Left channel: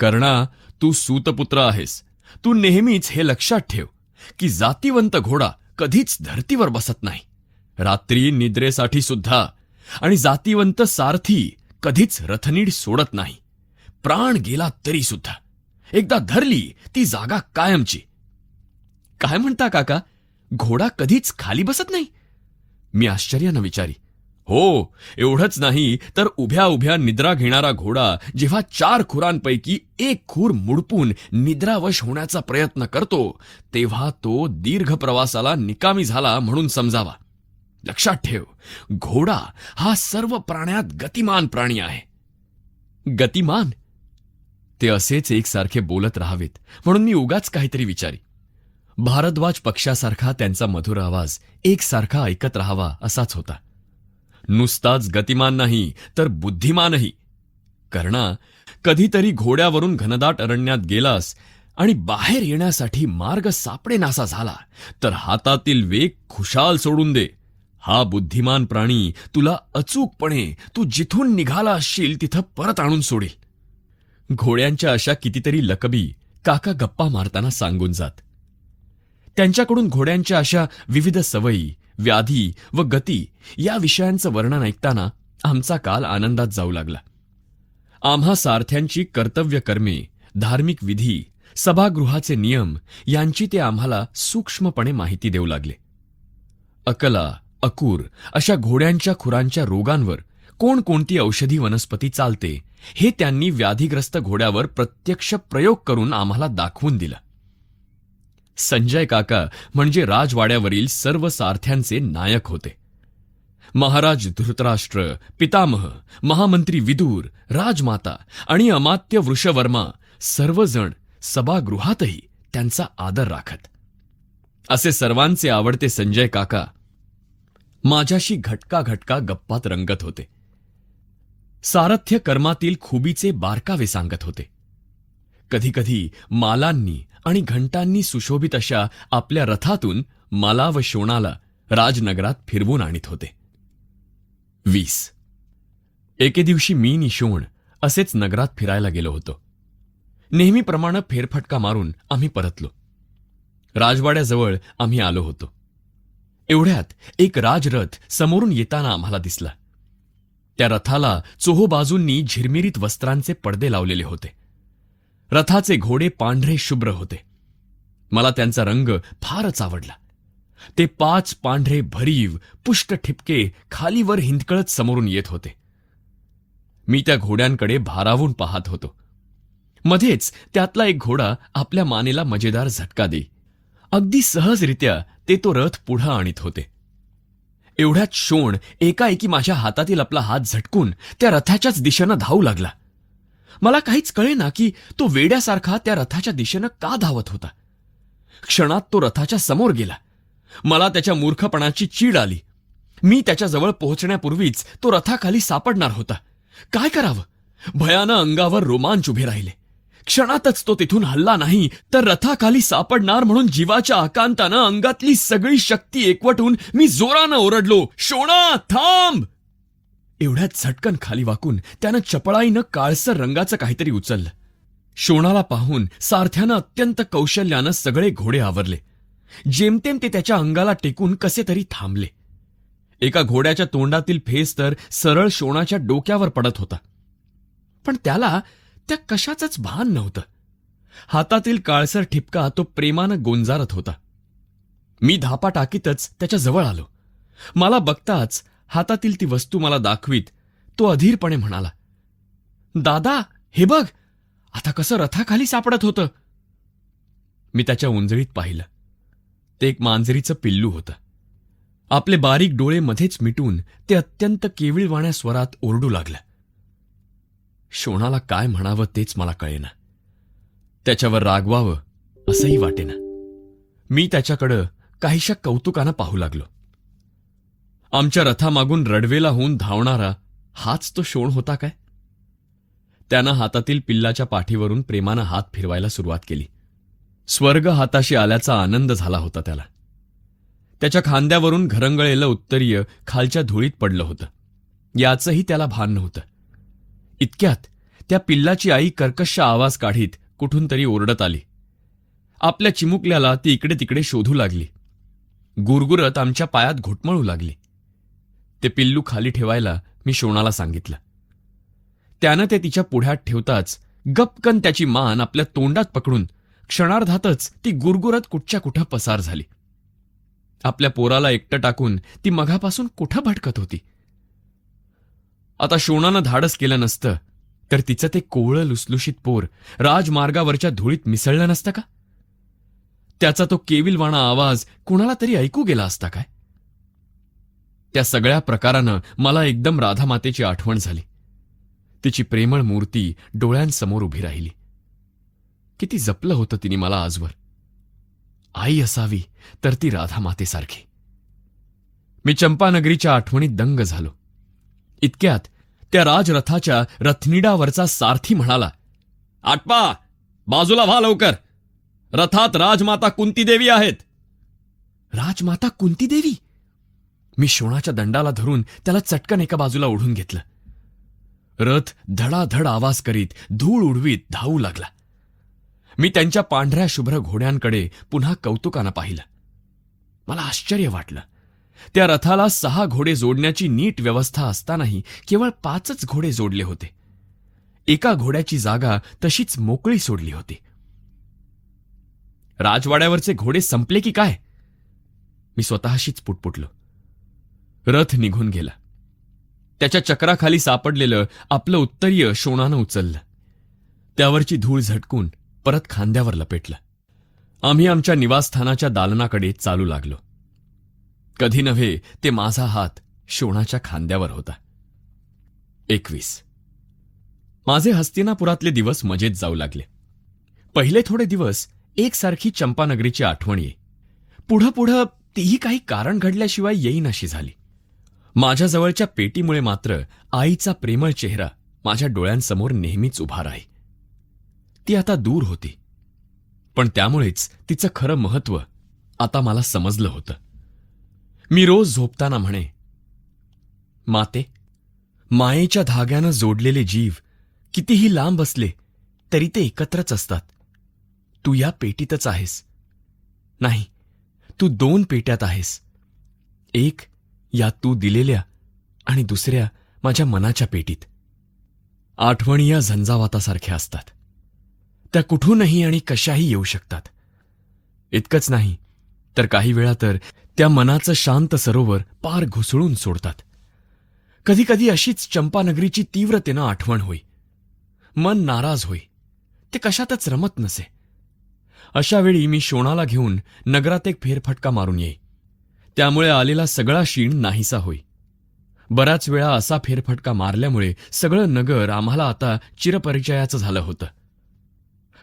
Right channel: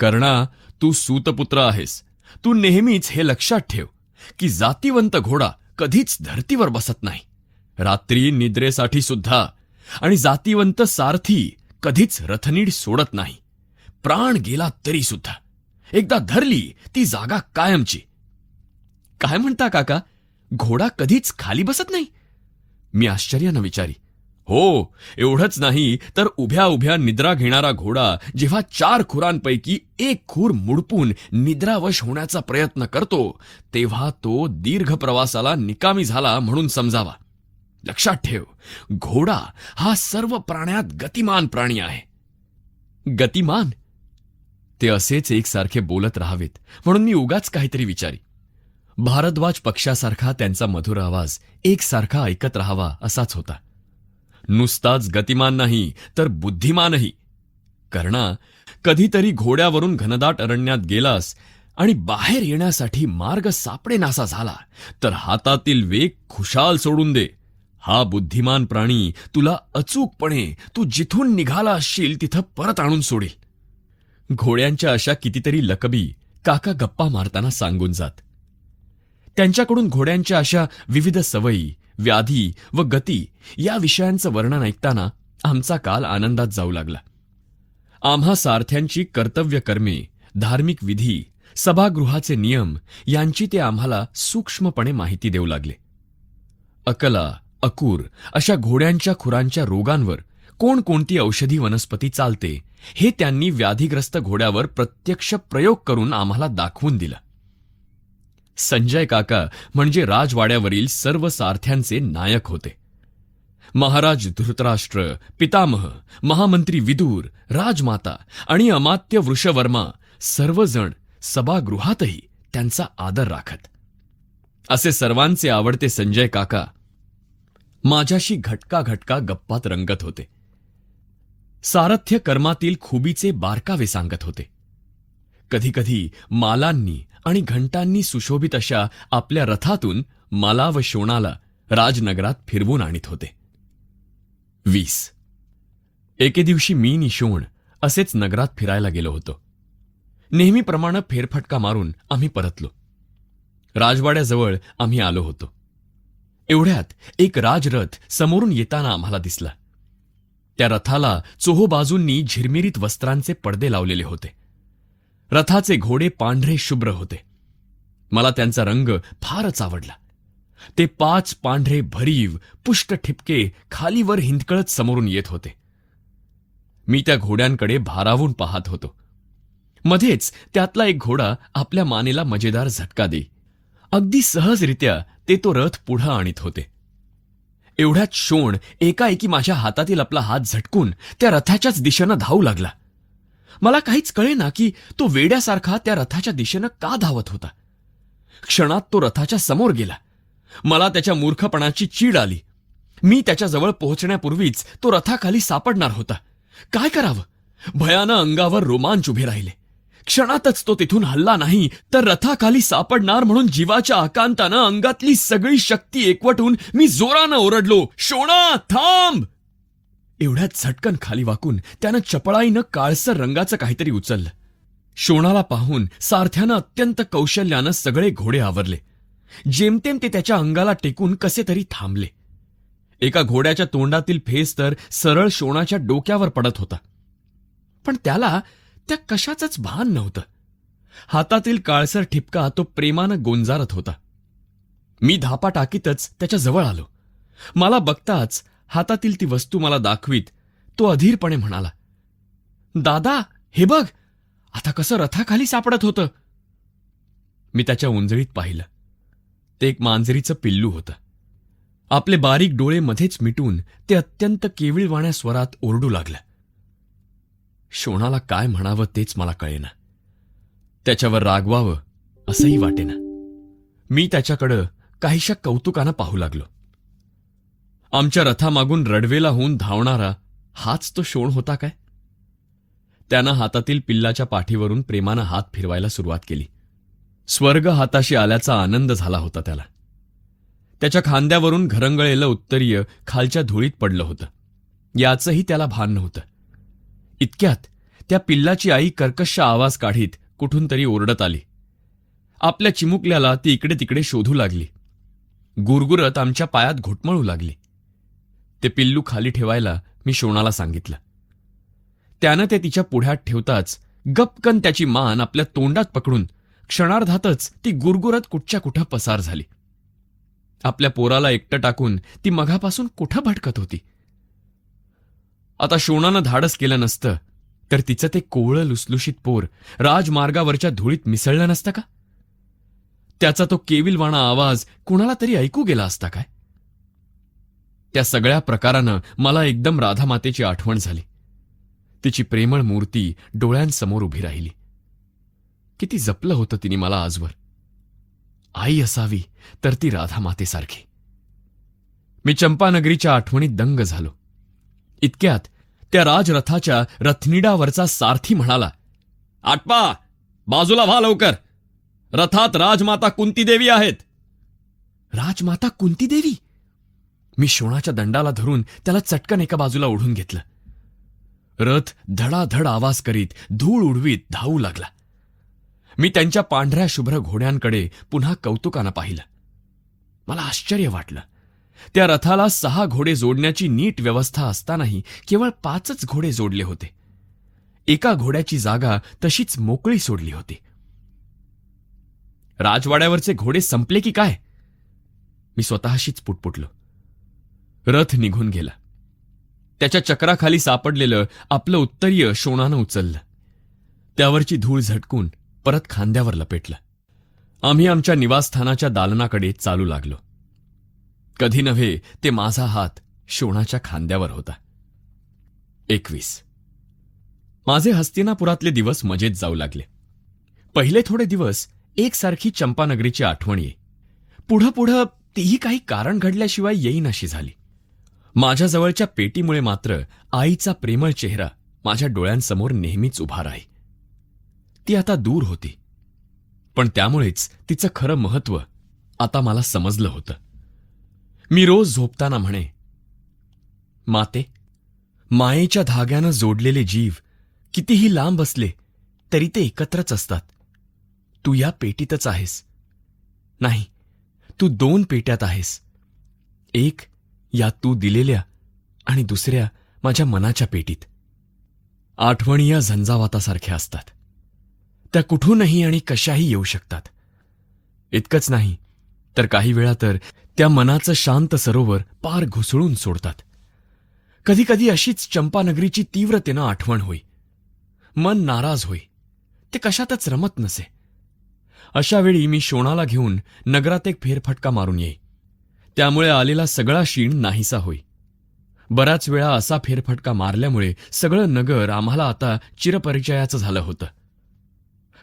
कर्णा तू सूतपुत्र आहेस. तू नेहमीच हे लक्षात ठेव की जातीवंत घोडा कधीच धर्तीवर बसत नाही. रात्री निद्रेसाठी सुद्धा आणि जातीवंत सारथी कधीच रथनीड सोडत नाही. प्राण गेला तरी सुद्धा. एकदा धरली ती जागा कायमची. काय म्हणता काका? घोडा कधीच खाली बसत नाही? मी आश्चर्यानं विचारी. हो एवढंच नाही तर उभ्या उभ्या निद्रा घेणारा घोडा जेव्हा चार खुरांपैकी एक खूर मुडपून निद्रावश होण्याचा प्रयत्न करतो तेव्हा तो दीर्घ प्रवासाला निकामी झाला म्हणून समजावा. लक्षात ठेव घोडा हा सर्व प्राण्यात गतिमान प्राणी आहे. गतिमान? ते असेच एकसारखे बोलत राहावेत म्हणून मी उगाच काहीतरी विचारी. भारद्वाज पक्षासारखा त्यांचा मधुर आवाज एकसारखा ऐकत राहावा असाच होता. नुसताच गतिमान नाही तर बुद्धिमानही कर्णा कधीतरी घोड्यावरून घनदाट अरण्यात गेलास आणि बाहेर येण्यासाठी मार्ग सापडेनासा झाला तर हातातील वेग खुशाल सोडून दे. हा बुद्धिमान प्राणी तुला अचूकपणे तू जिथून निघाला असशील तिथं परत आणून सोडेल. घोड्यांच्या अशा कितीतरी लकबी काका गप्पा मारताना सांगून जात. त्यांच्याकडून घोड्यांच्या अशा विविध सवयी व्याधी व गती या विषयांचं वर्णन ऐकताना आमचा काल आनंदात जाऊ लागला. आम्हा सारथ्यांची कर्तव्य कर्मे धार्मिक विधी सभागृहाचे नियम यांची ते आम्हाला सूक्ष्मपणे माहिती देऊ लागले. अकला अकूर अशा घोड्यांच्या खुरांच्या रोगांवर कोणकोणती औषधी वनस्पती चालते हे त्यांनी व्याधीग्रस्त घोड्यावर प्रत्यक्ष प्रयोग करून आम्हाला दाखवून दिला. संजय काका म्हणजे राजवाड्यावरील सर्व सारथ्यांचे नायक होते. महाराज धृतराष्ट्र पितामह महामंत्री विदूर राजमाता आणि अमात्य वृषवर्मा सर्वजण सभागृहातही त्यांचा आदर राखत. असे सर्वांचे आवडते संजय काका माझ्याशी घटका घटका गप्पात रंगत होते. सारथ्य कर्मातील खुबीचे बारकावे सांगत होते. कधीकधी मालांनी आणि घंटांनी सुशोभित अशा आपल्या रथातून मला व शोणाला राजनगरात फिरवून आणीत होते. वीस. एके दिवशी मी नि शोण असेच नगरात फिरायला गेलो होतो. नेहमीप्रमाणे फेरफटका मारून आम्ही परतलो. राजवाड्याजवळ आम्ही आलो होतो. एवढ्यात एक राजरथ समोरून येताना आम्हाला दिसला. त्या रथाला चोहो बाजूंनी झिरमिरीत वस्त्रांचे पडदे लावलेले होते. रथाचे घोडे पांढरे शुभ्र होते. मला त्यांचा रंग फारच आवडला. ते पाच पांढरे भरीव पुष्ट ठिपके खालीवर हिंदकळत समोरून येत होते. मी त्या घोड्यांकडे भारावून पाहत होतो. मध्येच त्यातला एक घोडा आपल्या मानेला मजेदार झटका देई. अगदी सहजरित्या ते तो रथ पुढं आणीत होते. एवढ्यात शोण एकाएकी माझ्या हातातील आपला हात झटकून त्या रथाच्याच दिशेनं धावू लागला. मला काहीच कळेना की तो वेड्यासारखा त्या रथाच्या दिशेनं का धावत होता. क्षणात तो रथाच्या समोर गेला. मला त्याच्या मूर्खपणाची चीड आली. मी त्याच्याजवळ पोहोचण्यापूर्वीच तो रथाखाली सापडणार होता. काय करावं? भयानं अंगावर रोमांच उभे राहिले. क्षणातच तो तिथून हल्ला नाही तर रथाखाली सापडणार म्हणून जीवाच्या आकांतानं अंगातली सगळी शक्ती एकवटून मी जोरानं ओरडलो शोणा थांब! एवढ्या झटकन खाली वाकून त्यानं चपळाईनं काळसर रंगाचं काहीतरी उचललं. शोणाला पाहून सारथ्यानं अत्यंत कौशल्यानं सगळे घोडे आवरले. जेमतेम ते त्याच्या अंगाला टेकून कसे तरी थांबले. एका घोड्याच्या तोंडातील फेस तर सरळ शोणाच्या डोक्यावर पडत होता. पण त्याला त्या कशाचंच भान नव्हतं. हातातील काळसर ठिपका तो प्रेमानं गोंजारत होता. मी धापा टाकीतच त्याच्याजवळ आलो. मला बघताच हातातील ती वस्तू मला दाखवीत. तो अधीरपणे म्हणाला दादा हे बघ आता कसं रथाखाली सापडत होतं. मी त्याच्या वंजळीत पाहिलं. ते एक मांजरीचं पिल्लू होतं. आपले बारीक डोळे मध्येच मिटून ते अत्यंत केळीवाण्या स्वरात ओरडू लागलं. शोणाला काय म्हणावं तेच मला कळेना. त्याच्यावर रागवावं असंही वाटेना. मी त्याच्याकडं काहीशा कौतुकानं पाहू लागलो. आमच्या रथामागून रडवेला होऊन धावणारा हाच तो शोण होता काय? त्यानं हातातील पिल्लाच्या पाठीवरून प्रेमानं हात फिरवायला सुरुवात केली. स्वर्ग हाताशी आल्याचा आनंद झाला होता त्याला. त्याच्या खांद्यावरून घरंगळलेलं उत्तरीय खालच्या धुळीत पडलं होतं. याचंही त्याला भान नव्हतं. इतक्यात त्या पिल्लाची आई कर्कश आवाज काढीत कुठून तरी ओरडत आली. आपल्या चिमुकल्याला ती इकडे तिकडे शोधू लागली. गुरगुरत आमच्या पायात घोटमळू लागली. ते पिल्लू खाली ठेवायला मी शोणाला सांगितलं. त्यानं ते तिच्या पुढ्यात ठेवताच गपकन त्याची मान आपल्या तोंडात पकडून क्षणार्धातच ती गुरगुरत कुठच्या कुठं पसार झाली. आपल्या पोराला एकटं टाकून ती मघापासून कुठं भटकत होती? आता शोणानं धाडस केलं नसतं तर तिचं ते कोवळं लुसलुशीत पूर राजमार्गावरच्या धुळीत मिसळलं नसतं का? त्याचा तो केविलवाणा आवाज कुणाला तरी ऐकू गेला असता काय? त्या सगळ्या प्रकारानं मला एकदम राधामातेची आठवण झाली. तिची प्रेमळ मूर्ती डोळ्यांसमोर उभी राहिली. किती जपलं होतं तिने मला आजवर. आई असावी तर ती राधामातेसारखी. मी चंपानगरीच्या आठवणीत दंग झालो. इतक्यात त्या राजरथाच्या रथनिडावरचा सारथी म्हणाला आटपा बाजूला व्हा लवकर. रथात राजमाता कुंती देवी आहेत. राजमाता कुंती देवी मी शोणाच्या दंडाला धरून त्याला चटकन एका बाजूला ओढून घेतलं. रथ धडाधड आवाज करीत धूळ उडवीत धावू लागला. मी त्यांच्या पांढऱ्या शुभ्र घोड्यांकडे पुन्हा कौतुकानं पाहिलं. मला आश्चर्य वाटलं. त्या रथाला सहा घोडे जोडण्याची नीट व्यवस्था असतानाही केवळ पाचच घोडे जोडले होते. एका घोड्याची जागा तशीच मोकळी सोडली होती. राजवाड्यावरचे घोडे संपले की काय? मी स्वतःशीच पुटपुटलो. रथ निघून गेला. त्याच्या चक्राखाली सापडलेलं आपलं उत्तरीय शोणानं उचललं. त्यावरची धूळ झटकून परत खांद्यावर लपेटलं. आम्ही आमच्या निवासस्थानाच्या दालनाकडे चालू लागलो. कधी नव्हे ते माझा हात शोणाच्या खांद्यावर होता. एकवीस. माझे हस्तिनापुरातले दिवस मजेत जाऊ लागले. पहिले थोडे दिवस एकसारखी चंपानगरीची आठवण येई पुढं पुढं तेही काही कारण घडल्याशिवाय येईनाशी झाले. माझ्याजवळच्या पेटीमुळे मात्र आईचा प्रेमळ चेहरा माझ्या डोळ्यांसमोर नेहमीच उभा राही. ती आता दूर होती. पण त्यामुळेच तिचं खरं महत्त्व आता मला समजलं होतं. मी रोज झोपताना म्हणे माते मायेच्या धाग्यानं जोडलेले जीव कितीही लांब असले तरी ते एकत्रच असतात. तू या पेटीतच आहेस. तू दोन पेट्यात आहेस. एक या तू दिलेल्या आणि दुसऱ्या माझ्या मनाच्या पेटीत. आठवणी या झंझावातासारख्या असतात. त्या कुठूनही आणि कशाही येऊ शकतात. इतकंच नाही तर काही वेळा तर त्या मनाचं शांत सरोवर पार घुसळून सोडतात. कधी कधी अशीच चंपानगरीची तीव्रतेनं आठवण होई. मन नाराज होई. ते कशातच रमत नसे. अशा वेळी मी शोणाला घेऊन नगरात एक फेरफटका मारून येई. त्यामुळे आलेला सगळा शीण नाहीसा होई बऱ्याच वेळा असा फेरफटका मारल्यामुळे सगळं नगर आम्हाला आता चिरपरिचयाचं झालं होतं.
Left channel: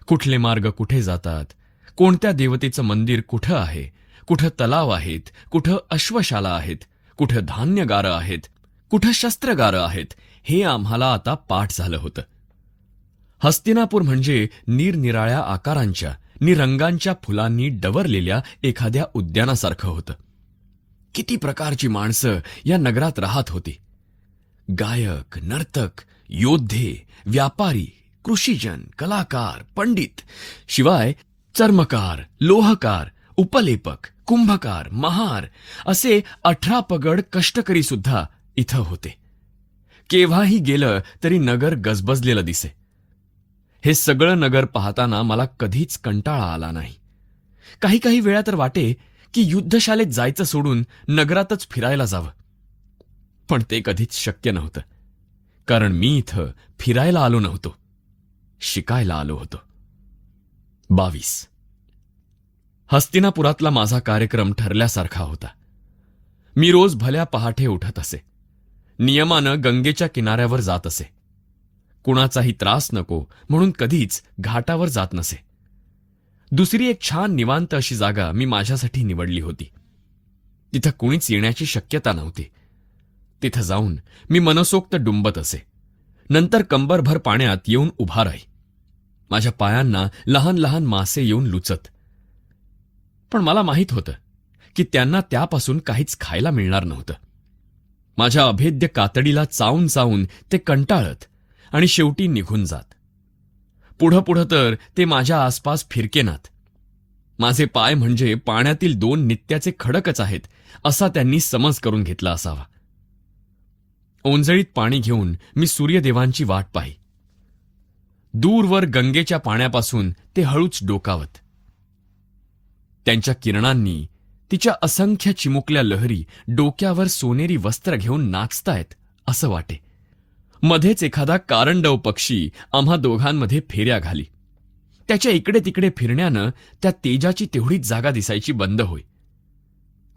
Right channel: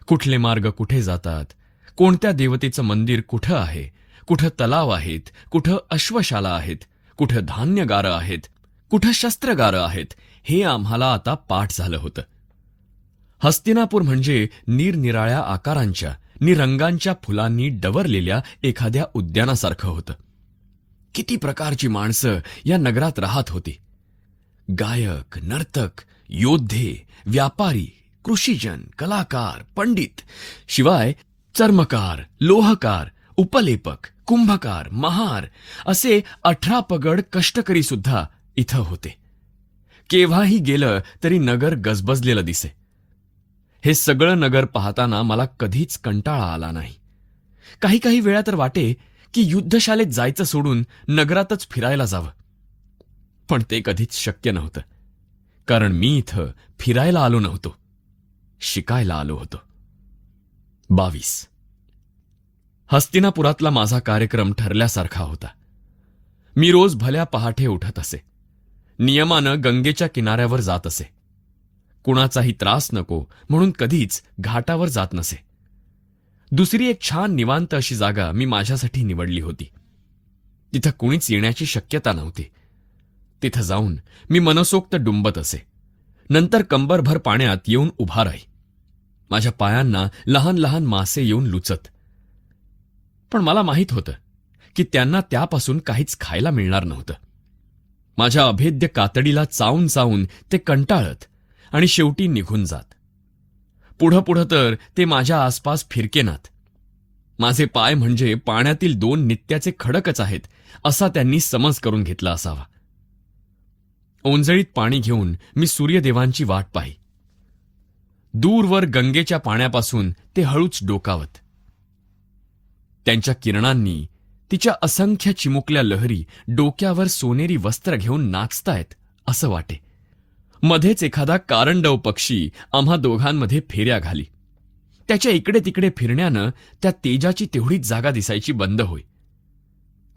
कुठले मार्ग कुठे जातात? कोणत्या देवतेचं मंदिर कुठं आहे? कुठं तलाव आहेत? कुठं अश्वशाला आहेत? कुठं धान्यगारं आहेत? कुठं शस्त्रगारं आहेत? हे आम्हाला आता पाठ झालं होतं. हस्तिनापूर म्हणजे निरनिराळ्या आकारांच्या निरंगांच्या फुलांनी डवरलेल्या एखाद्या उद्यानासारखं होतं. किती प्रकारची माणसं या नगरात राहत होती. गायक नर्तक योद्धे व्यापारी कृषीजन कलाकार पंडित शिवाय चर्मकार लोहकार उपलेपक कुंभकार महार असे अठरा पगड कष्टकरी सुद्धा इथं होते. केव्हाही गेलं तरी नगर गजबजलेलं दिसे. हे सगळं नगर पाहताना मला कधीच कंटाळा आला नाही. काही काही वेळा तर वाटे की युद्धशालेत जायचं सोडून नगरातच फिरायला जावं. पण ते कधीच शक्य नव्हतं. कारण मी इथं फिरायला आलो नव्हतो. शिकायला आलो होतो. बावीस. हस्तिनापुरातला माझा कार्यक्रम ठरल्यासारखा होता. मी रोज भल्या पहाटे उठत असे. नियमानं गंगेच्या किनाऱ्यावर जात असे. कुणाचाही त्रास नको म्हणून कधीच घाटावर जात नसे. दुसरी एक छान निवांत अशी जागा मी माझ्यासाठी निवडली होती. तिथं कोणीच येण्याची शक्यता नव्हती. तिथं जाऊन मी मनसोक्त डुंबत असे. नंतर कंबरभर पाण्यात येऊन उभा राही. माझ्या पायांना लहान लहान मासे येऊन लुचत. पण मला माहीत होतं की त्यांना त्यापासून काहीच खायला मिळणार नव्हतं. माझ्या अभेद्य कातडीला चावून चावून ते कंटाळत आणि शेवटी निघून जात. पुढं पुढं तर ते माझ्या आसपास फिरकेनात माझे पाय म्हणजे पाण्यातील दोन नित्याचे खडकच आहेत असा त्यांनी समज करून घेतला असावा. ओंजळीत पाणी घेऊन मी सूर्यदेवांची वाट पाही. दूरवर गंगेच्या पाण्यापासून ते हळूच डोकावत. त्यांच्या किरणांनी तिच्या असंख्य चिमुकल्या लहरी डोक्यावर सोनेरी वस्त्र घेऊन नाचतायत असं वाटे. मध्येच एखादा कारंडव पक्षी आम्हा दोघांमध्ये फेऱ्या घाली. त्याच्या इकडे तिकडे फिरण्यानं त्या तेजाची तेवढीच जागा दिसायची बंद होई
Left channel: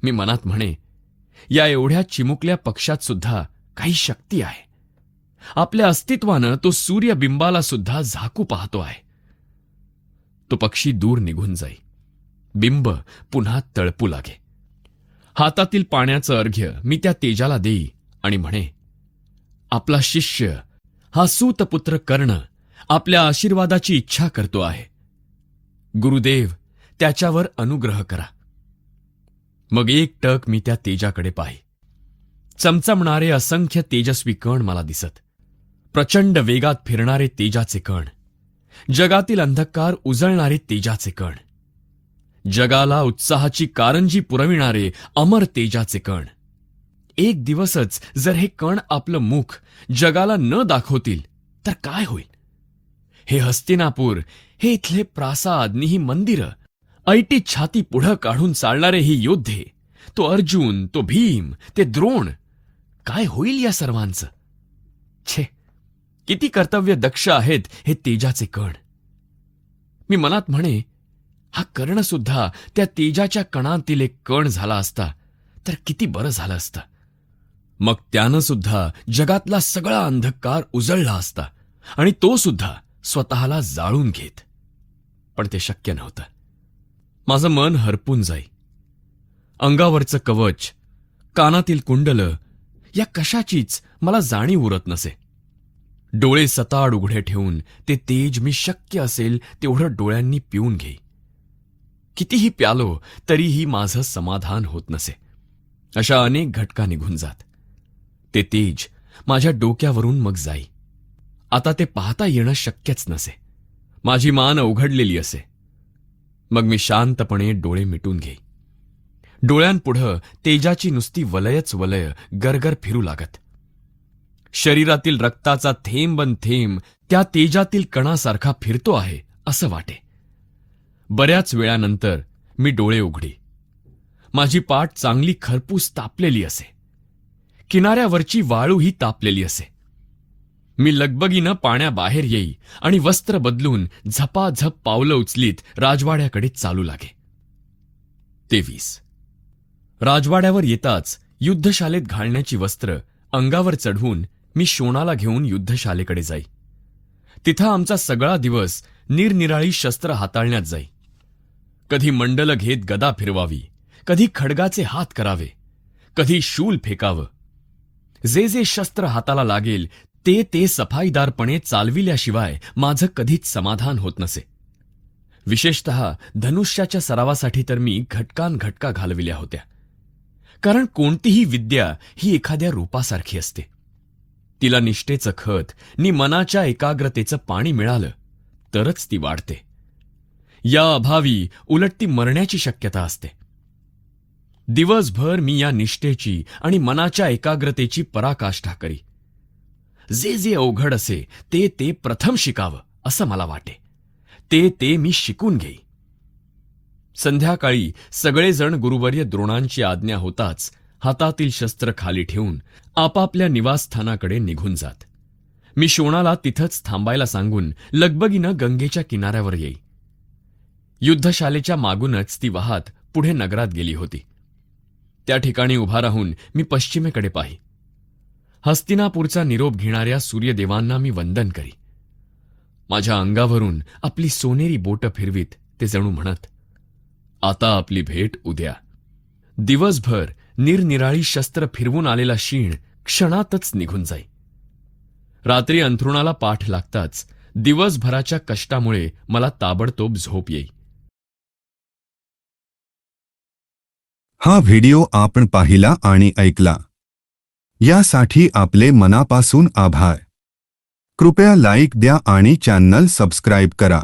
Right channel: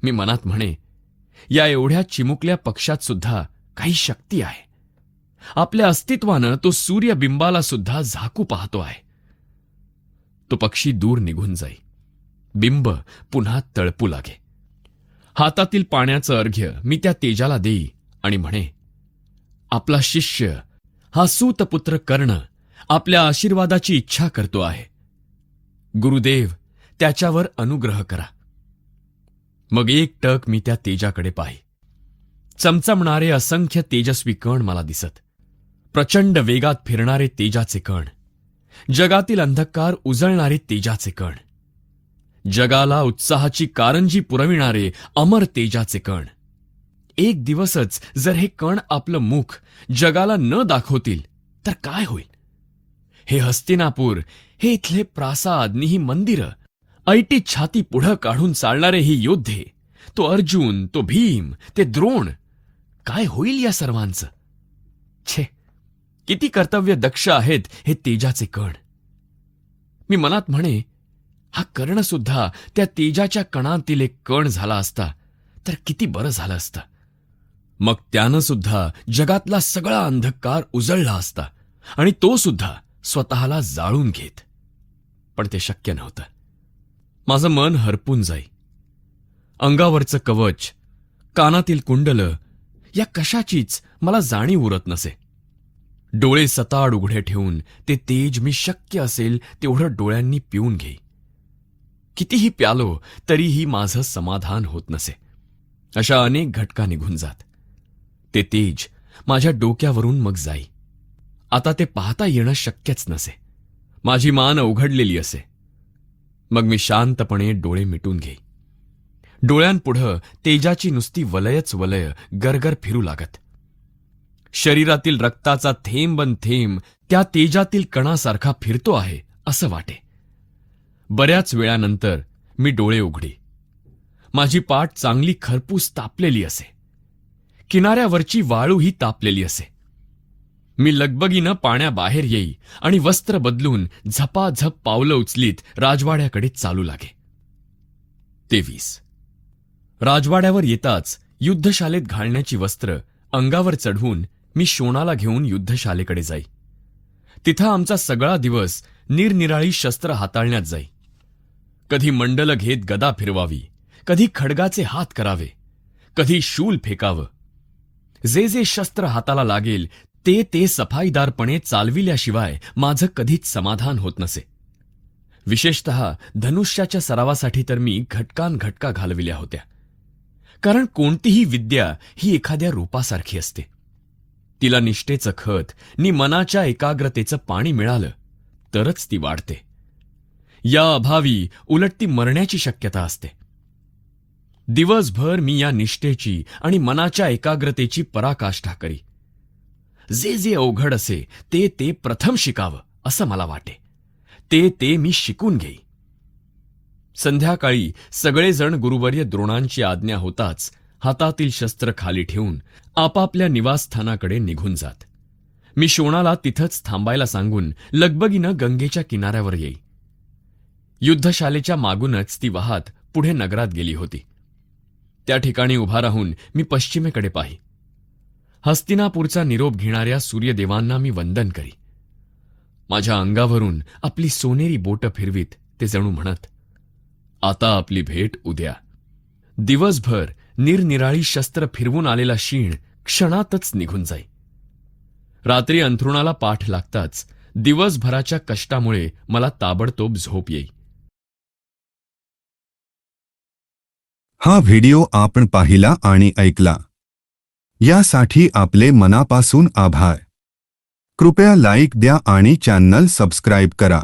मी मनात म्हणे या एवढ्या चिमुकल्या पक्षात सुद्धा काही शक्ती आहे. आपल्या अस्तित्वानं तो सूर्यबिंबाला सुद्धा झाकू पाहतो आहे. तो पक्षी दूर निघून जाईल बिंब पुन्हा तळपू लागे. हातातील पाण्याचं अर्घ्य मी त्या तेजाला देई आणि म्हणे आपला शिष्य. हा सूतपुत्र कर्ण आपल्या आशीर्वादाची इच्छा करतो आहे. गुरुदेव त्याच्यावर अनुग्रह करा. मग एक टक मी त्या तेजाकडे पाहि. चमचमणारे असंख्य तेजस्वी कण मला दिसत. प्रचंड वेगात फिरणारे तेजाचे कण. जगातील अंधकार उजळणारे तेजाचे कण. जगाला उत्साहाची कारंजी पुरविणारे अमर तेजाचे कण. एक दिवसच जर हे कण आपलं मुख जगाला न दाखवतील तर काय होईल? हे हस्तिनापूर हे इथले प्रासाद नि ही मंदिरं ऐटी छाती पुढं काढून चालणारे हे योद्धे तो अर्जुन तो भीम ते द्रोण काय होईल या सर्वांचं? छे किती कर्तव्य दक्ष आहेत हे तेजाचे कण? मी मनात म्हणे हा कर्ण सुद्धा त्या तेजाच्या कणांतील एक कण झाला असता तर किती बरं झालं असतं. मग त्यानं सुद्धा जगातला सगळा अंधकार उजळला असता आणि तो सुद्धा स्वतःला जाळून घेत. पण ते शक्य नव्हतं. माझं मन हरपून जाई. अंगावरचं कवच कानातील कुंडलं या कशाचीच मला जाणीव उरत नसे. डोळे सताड उघडे ठेवून ते तेज मी शक्य असेल तेवढं डोळ्यांनी पिऊन घेई. कितीही प्यालो तरीही माझं समाधान होत नसे. अशा अनेक घटका निघून जात. ते तेज माझ्या डोक्यावरून मग जाई. आता ते पाहता येणं शक्यच नसे. माझी मान उघडलेली असे. मग मी शांतपणे डोळे मिटून घेई. डोळ्यांपुढं तेजाची नुसती वलयच वलय गरगर फिरू लागत. शरीरातील रक्ताचा थेंबन थेंब त्या तेजातील कणासारखा फिरतो आहे असं वाटे. बऱ्याच वेळानंतर मी डोळे उघडी. माझी पाठ चांगली खरपूस तापलेली असे. किनाऱ्यावरची वाळूही तापलेली असे. मी लगबगीनं पाण्याबाहेर येई आणि वस्त्र बदलून झपाझप पावलं उचलीत राजवाड्याकडे चालू लागे. तेवीस. राजवाड्यावर येताच युद्धशालेत घालण्याची वस्त्र अंगावर चढवून मी शोणाला घेऊन युद्धशालेकडे जाई. तिथं आमचा सगळा दिवस निरनिराळी शस्त्र हाताळण्यात जाई. कधी मंडल घेत गदा फिरवावी कधी खडगाचे हात करावे कधी शूल फेकावं जे जे शस्त्र हाताला लागेल ते ते सफाईदारपणे चालविल्याशिवाय माझं कधीच समाधान होत नसे. विशेषत धनुष्याच्या सरावासाठी तर मी घटकान घटका घालविल्या होत्या. कारण कोणतीही विद्या ही एखाद्या रूपासारखी असते. तिला निष्ठेचं खत नि मनाच्या एकाग्रतेचं पाणी मिळालं तरच ती वाढते. या अभावी उलट ती मरण्याची शक्यता असते. दिवसभर मी या निष्ठेची आणि मनाच्या एकाग्रतेची पराकाष्ठा करी. जे जे अवघड असे ते ते प्रथम शिकावं असं मला वाटे. ते ते मी शिकून घेई. संध्याकाळी सगळेजण गुरुवर्य द्रोणांची आज्ञा होताच हातातील शस्त्र खाली ठेवून आपापल्या निवासस्थानाकडे निघून जात. मी शोणाला तिथंच थांबायला सांगून लगबगीनं गंगेच्या किनाऱ्यावर येई. युद्धशालेच्या मागूनच ती वाहत पुढे नगरात गेली होती. त्या ठिकाणी उभा राहून मी पश्चिमेकडे पाही. हस्तिनापूरचा निरोप घेणाऱ्या सूर्यदेवांना मी वंदन करी. माझ्या अंगावरून आपली सोनेरी बोट फिरवीत ते जणू म्हणत आता आपली भेट उद्या. दिवसभर निरनिराळी शस्त्र फिरवून आलेला शीण क्षणातच निघून जाई. रात्री अंथरुणाला पाठ लागताच दिवसभराच्या कष्टामुळे मला ताबडतोब झोप येई. हा व्हिडिओ आपण पाहिला आणि ऐकला. यासाठी आपले मनापासून आभार. कृपया लाईक द्या आणि चॅनल सबस्क्राईब करा.